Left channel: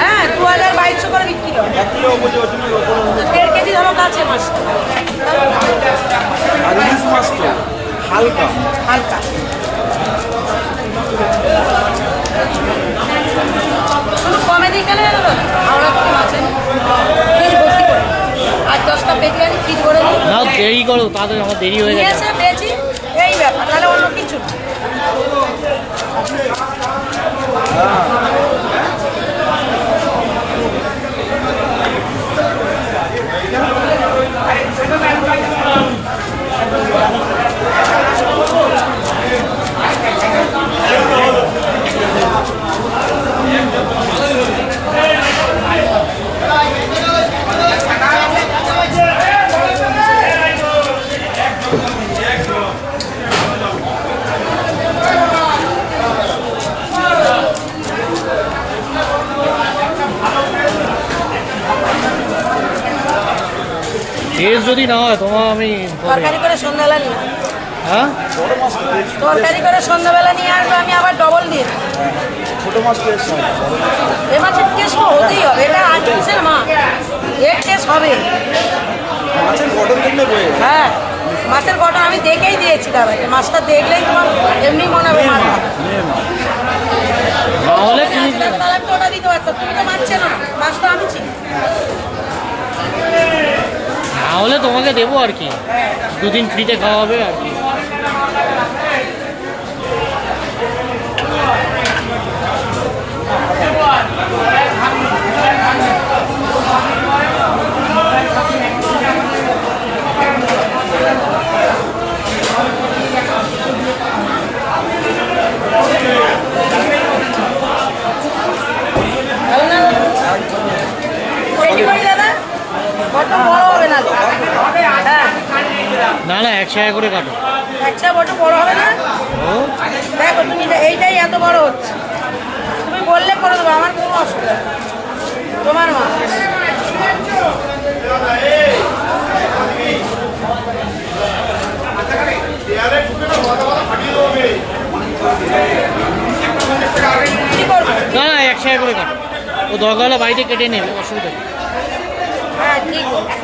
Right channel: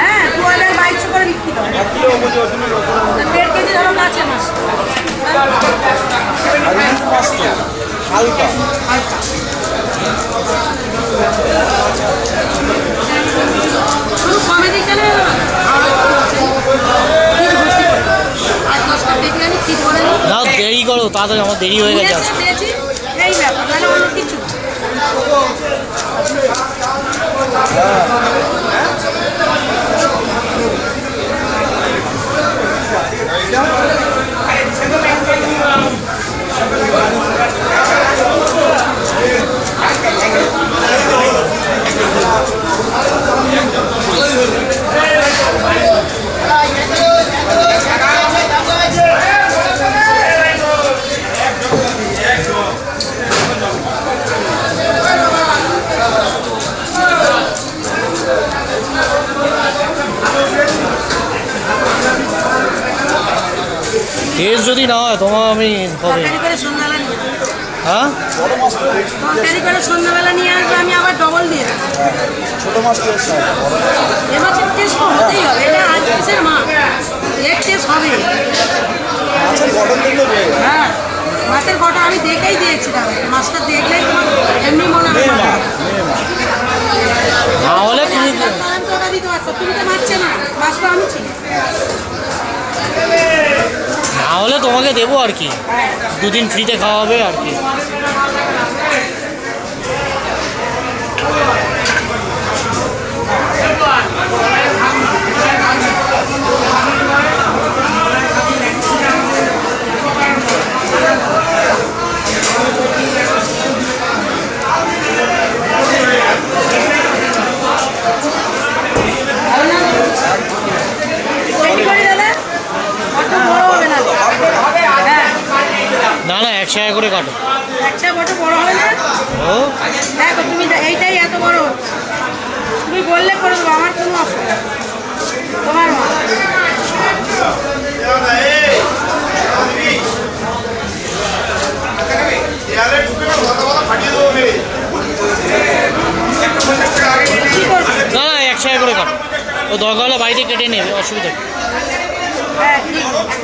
হ্যাঁ 2200 করে বিক্রি হয়। 1.5 কেজি ধরো আছে মাছ। আর ইলিশ মাছ তো হালকা হালকা। কমেডি গেলে আর 10টা দেখলে আমি ঠিক করে নিই। না দেরি করো, তাড়াতাড়ি আমার দেরি হয়ে গেছে। এই ব্যাপার, তাহলে অন্য কিছু টেস্ট যদি না হয় তোমার আমি হবে। তরকারি করে সন্ধ্যাবেলা নিয়ে হ্যাঁ তরকারি করে সন্ধ্যাবেলা নিয়ে আসবে, আমি আবার ডবল দিয়ে দেবো। ছোট মাছ টেস্ট হয় এ মাছের টেস্ট হতেই হবে, এটা আজ মাসের মাছ, এর টেস্ট হবে। মাছের গঠন দেখলে বোঝা যায়। হ্যাঁ মাছের কটা আমি দেখেই দিয়েছিলাম, মাছটা দেখলে এমনি মনে হবে মেয়ে মাছ মেয়ে মাছ না হলে তুমি আমি তো ওটা দিতে পারতাম, তুমি তো মাছ চেনো না, মাছ তো আমি চিনি। না হলে তোমাকে দেবো আর কি, হ্যাঁ দুদিন ফ্রিতে খাওয়া হবে আর কি। রেডি করি দাদা, বড্ড বড় হবে না তো। হ্যাঁ না না 1 টাকা করে কাটো। আচ্ছা বড্ড বড় হবে না। ও দেখো তুমি এইটাই এত বড় হচ্ছে, তুমি বললে করে দেবো, আমার কোনো অসুবিধা নেই। তোমার মাছ কি করবো? না না 1 টাকা করে কাটো, ও দরকার হলে বাড়িতে কেটে নেবে, অসুবিধা নেই। হ্যাঁ ঠিক আছে।